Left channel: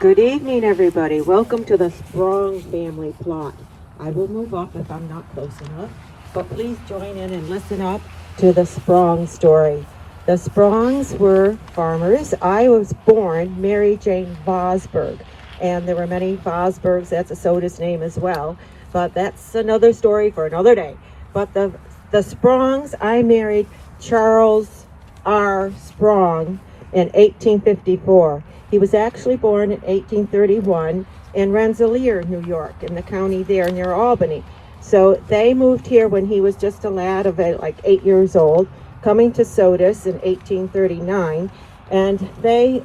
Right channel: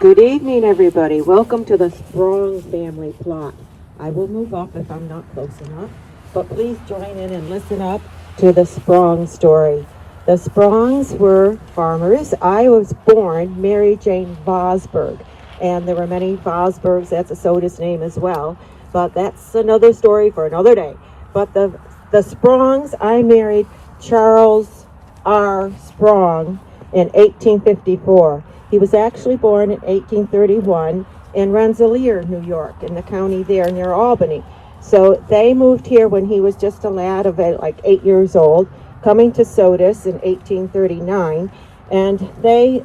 Good evening, everybody. Welcome to the Sprong family plot. I will move up if I'm not close enough, but please join in and listen up to the Sprong story. The Sprongs were farmers. I was born Mary Jane Vosburgh, and there were many Vosburghs. That's a Sodus name as well, but that's another story for another day. But the Sprongs, I married Charles R. Sprong in 1854. He was actually born in 1831 in Rensselaer, New York, in the county there near Albany. So they moved here when he was just a lad of like 8 years old, coming to Sodus in 1839, and they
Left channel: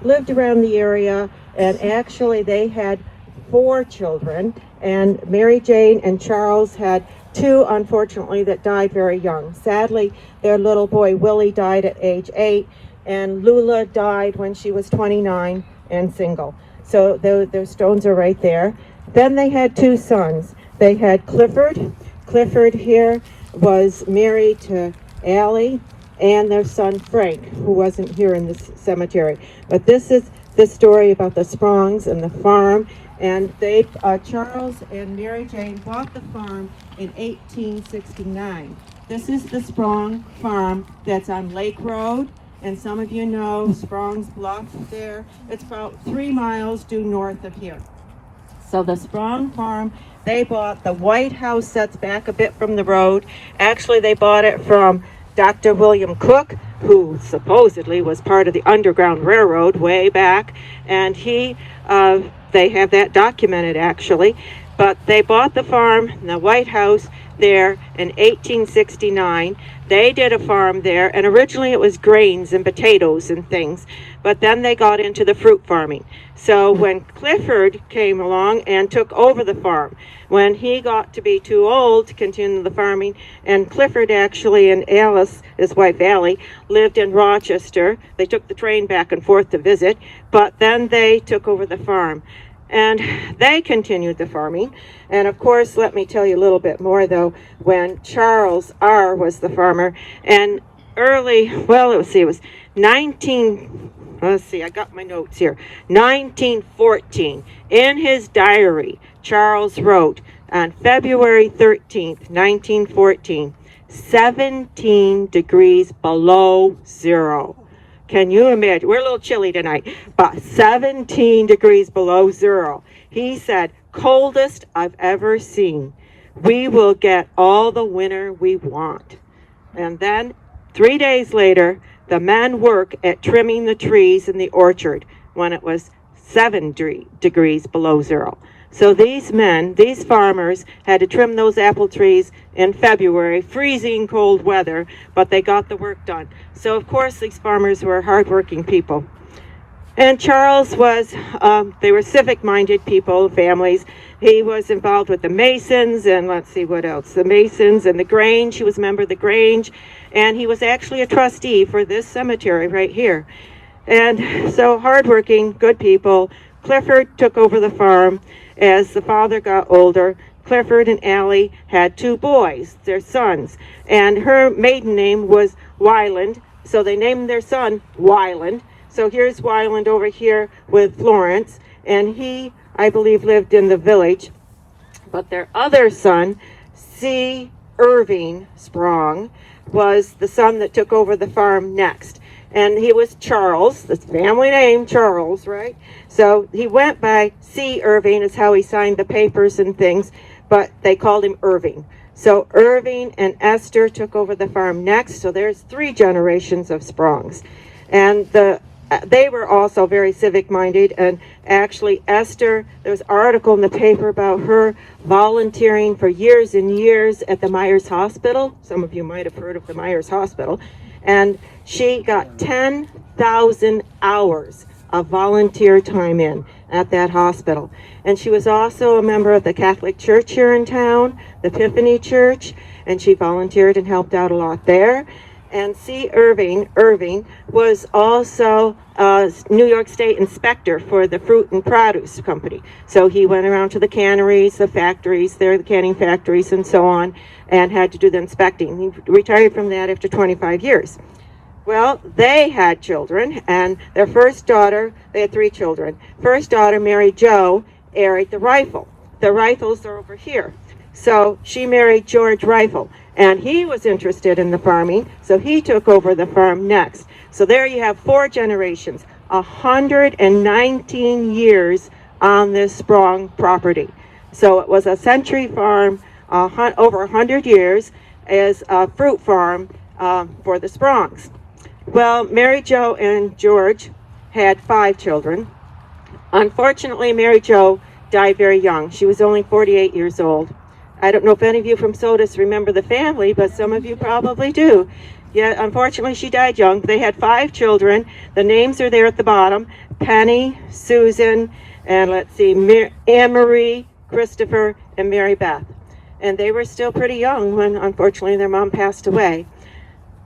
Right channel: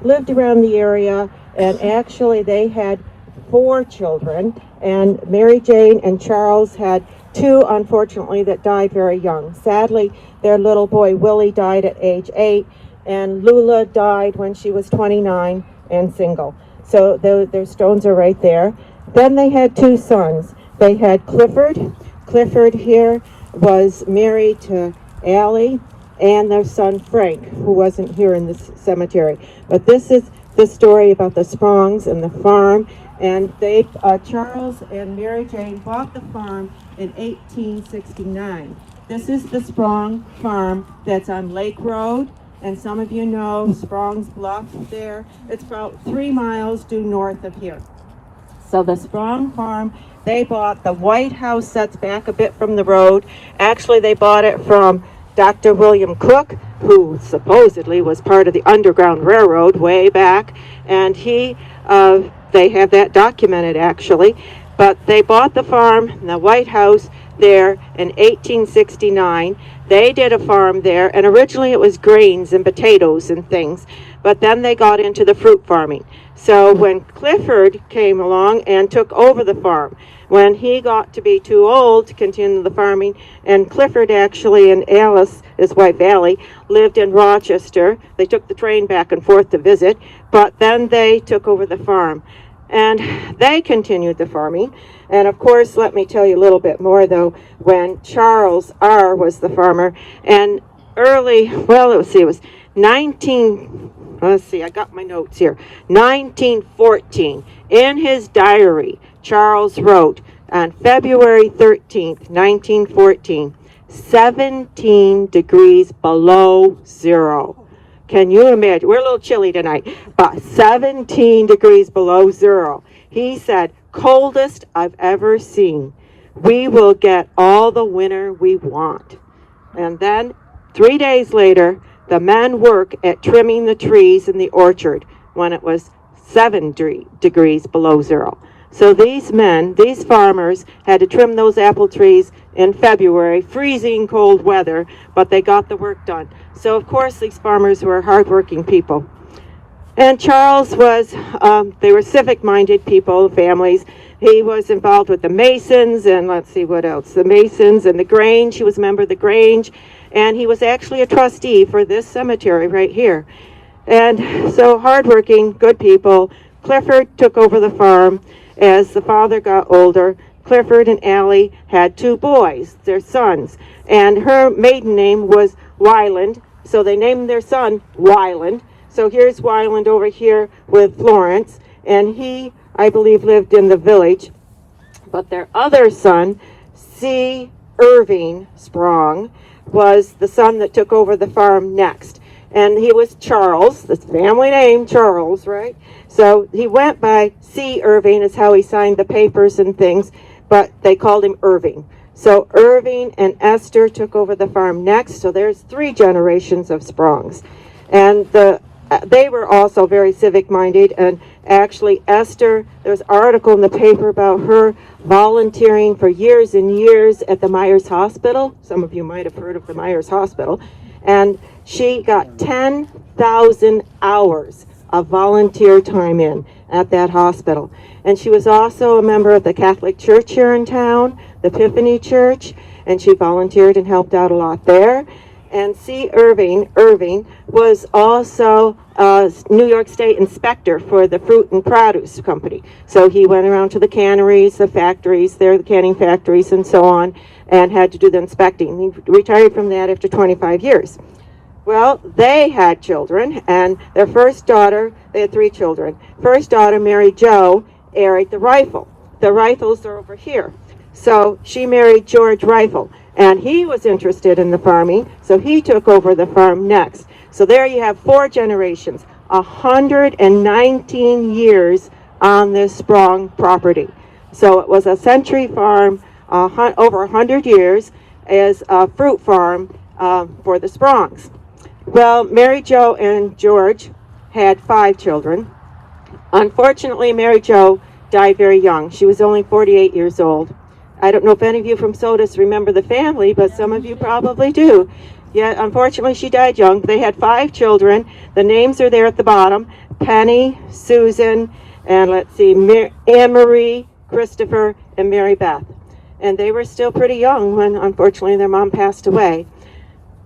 lived around the area, and actually they had 4 children, and Mary Jane and Charles had 2, unfortunately, that died very young. Sadly, their little boy Willie died at age 8, and Lula died when she was 29 and single. So their stones are right there. Then they had 2 sons. They had Clifford. Clifford here was married to Allie, and their son Frank, who wasn't here in this cemetery. But this is the story about the Sprongs and the farm. And they, Charles and Mary Jane bought the farm in 1869. This is the Sprong farm that's on Lake Road. And some of you know Sprongs Bluff there. It's about 3 miles due north of here. So the Sprong farm, they bought the white house that's back a bit from the road. Actually, they bought it from Dr. William Cook, who supposedly was part of the Underground Railroad way back. And they have that documented actually. But they bought the farm, the white house there in 1869. They did a farm there, and originally it was grains and potatoes and things, but then they got into the fruit farming. So when Clifford came along and took over the farm, when he got to be too old to continue the farming, and Clifford actually and Alice, his wife Allie, lived in Rochester. They took the train back and forth to visit, but then they took over the farm. And they continued the farming. And of course, let me tell you a little bit more though, when Charles R. was the farmer, and it was I got my notes here, 1914, in his diary, Charles wrote on February 13th, 1914, 17 degrees below zero. Can you imagine? We're a little chilly tonight, but 17 degrees below zero. He said, coldest I've ever seen. We will get all the winter we want. And then 3 days later, the men work at trimming the trees in the orchard when it was 7 degrees below zero. So these men, these farmers, had to trim those apple trees in February, freezing cold weather, but they got the work done. So of course these farmers were hardworking people. And Charles was, they were civic-minded people, families. He was involved with the Masons, and let's see what else, the Masons and the Grange. He was a member of the Grange, and he was actually a trustee for this cemetery right here. And so hardworking, good people. Clifford took over the farm as the father got older. Clifford and Allie had 2 boys, their sons, and her maiden name was Wyland, so they named their son Wyland. So here's Wyland over here with Florence, and he, I believe, lived in the village. But their other son, C. Irving Sprong, was the son that took over the farm next. And he was Charles, the family name, Charles, right? So he went by C. Irving, is how he signed the papers and things, but they called him Irving. So Irving and Esther took over the farm next, so there's 3 generations of Sprongs. And they were also very civic-minded, and actually Esther, there was an article in the paper about her volunteering for years and years at the Myers Hospital. Some of you might have heard of the Myers Hospital. And she got 10,000 hours of volunteer time in at that hospital. And she was also a member of the Catholic Church here in town, the Epiphany Church, and she volunteered and helped out a lot there. And C. Irving was also a New York State inspector for the fruit and produce company. So he went around to the canneries, the factories, the canning factories, and so on, and had to do the inspecting. He retired from that after 25 years. Well, they had children, and their first daughter, they had 3 children. First daughter, Mary Jo, married the Rifle. The Rifles are over here. So she married George Rifle, and he was interested in the farming, so he took over the farm next. So there you have 4 generations, 119 years on this Sprong property. So it was a century farm, over 100 years, as a fruit farm for the Sprongs. Well, Mary Jo and George had 5 children. Unfortunately, Mary Jo died very young. She was only 48 years old. I don't know if any of you from Sodus remember the family, but some of you probably do. Yeah, unfortunately, she died young. They had 5 children. The names are there at the bottom: Penny, Susan, and let's see, Anne-Marie, Christopher, and Mary Beth. And they were still pretty young when, unfortunately, their mom passed away.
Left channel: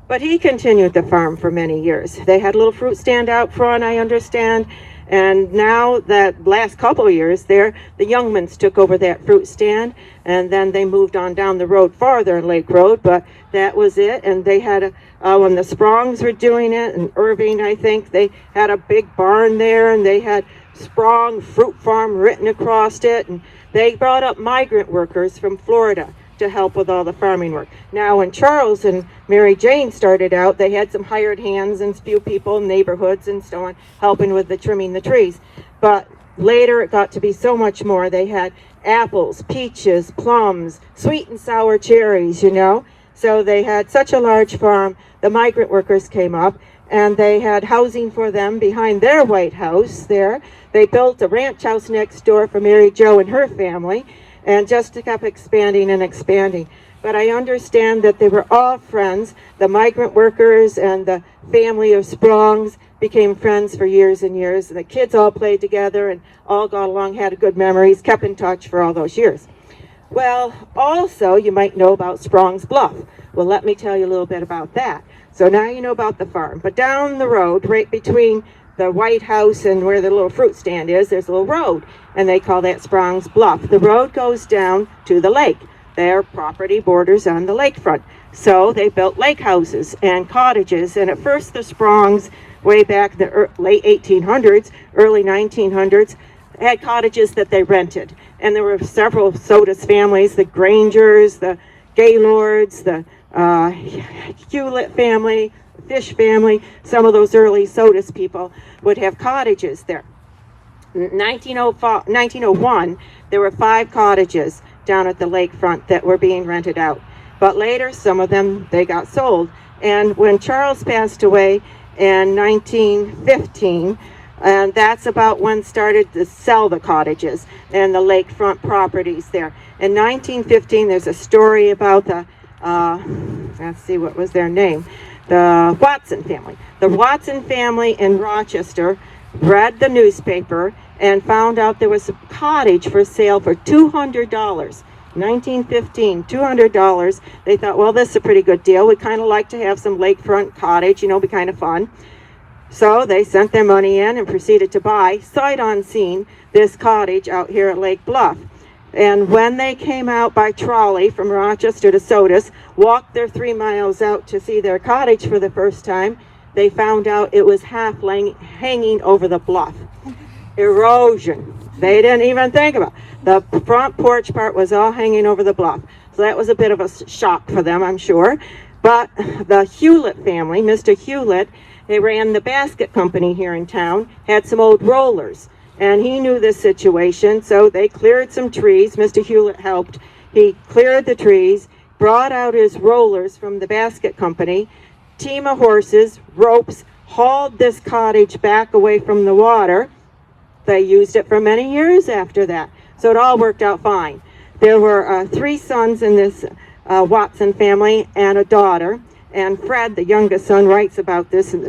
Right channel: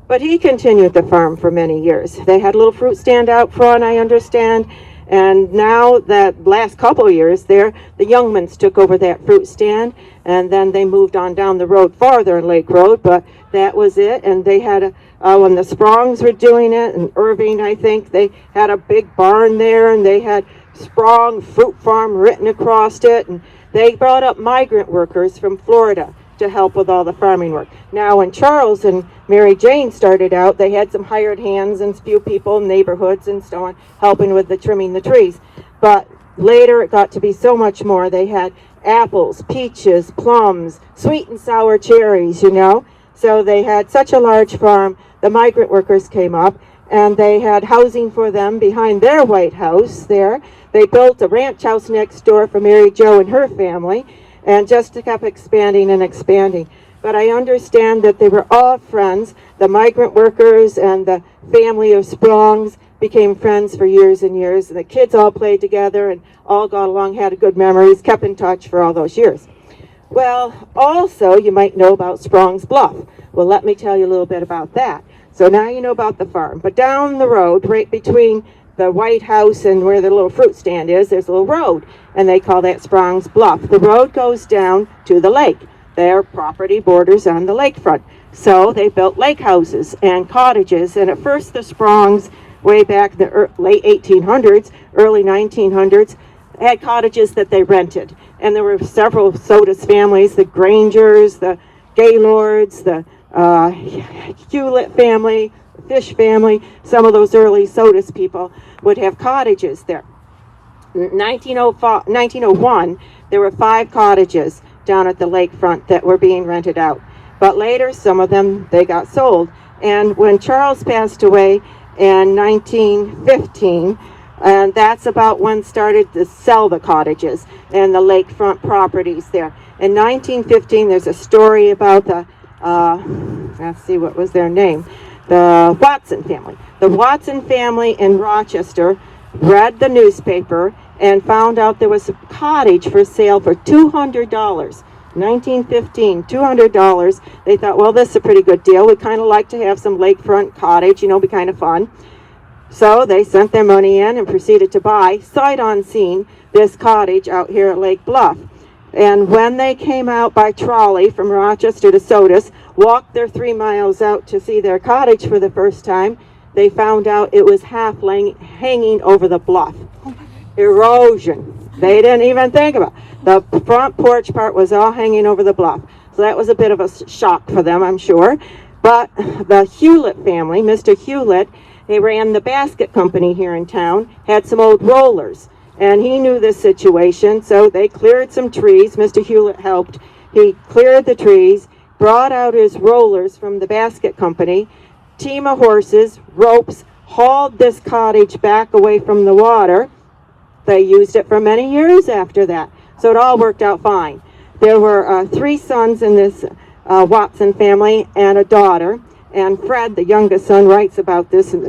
But he continued the farm for many years. They had a little fruit stand out front, I understand. And now, that last couple of years there, the Youngmans took over that fruit stand, and then they moved on down the road farther, Lake Road, but that was it. And they had, when the Sprongs were doing it, and Irving, I think, they had a big barn there, and they had Sprong Fruit Farm written across it, and they brought up migrant workers from Florida to help with all the farming work. Now, when Charles and Mary Jane started out, they had some hired hands and a few people in neighborhoods and so on, helping with the trimming the trees. But later it got to be so much more. They had apples, peaches, plums, sweet and sour cherries, you know. So they had such a large farm. The migrant workers came up, and they had housing for them behind their White House there. They built a ranch house next door for Mary Jo and her family, and just kept expanding and expanding. But I understand that they were all friends. The migrant workers and the family of Sprongs became friends for years and years. And the kids all played together and all got along, had good memories, kept in touch for all those years. Well, also, you might know about Sprong's Bluff. Well, let me tell you a little bit about that. So now you know about the farm. But down the road, right between the White House and where the little fruit stand is, there's a little road, and they call that Sprong's Bluff. The road goes down to the lake. Their property borders on the lakefront. So they built lake houses and cottages, and at first the Sprongs, way back the late 1800s, early 1900s, had cottages that they rented. And there were several Sodus families, the Grangers, the Gaylords, the Hewlett family, the Fish family. Some of those early Sodus people would have cottages there. In 1901, there were 5 cottages down at the lakefront that were being rented out. But later, some of them, they got sold. And when Charles passed away in 1915, and that's about when started to sell the cottages and the lakefront properties there. In 1915, there's a story about the, let's see, what was their name? The Watson family. The Watson family in Rochester read the newspaper and found out there was a cottage for sale for $200. 1915, $200. They thought, well, this is a pretty good deal. We'd kind of like to have some lakefront cottage, you know, be kind of fun. So they sent their money in and proceeded to buy, sight unseen, this cottage out here at Lake Bluff. And when they came out by trolley from Rochester to Sodus, walked their 3 miles out to see their cottage for the first time, they found out it was half hanging over the bluff. Erosion. They didn't even think about it. The front porch part was all hanging over the bluff. So that was a bit of a shock for them, I'm sure. But the Hewlett family, Mr. Hewlett, they ran the basket company here in town, had some old rollers. And he knew this situation, so they cleared some trees. Mr. Hewlett helped. He cleared the trees, brought out his rollers from the basket company, team of horses, ropes, hauled this cottage back away from the water. They used it for many years after that. So it all worked out fine. There were 3 sons in this Watson family and a daughter. And Fred, the youngest son, writes about this in the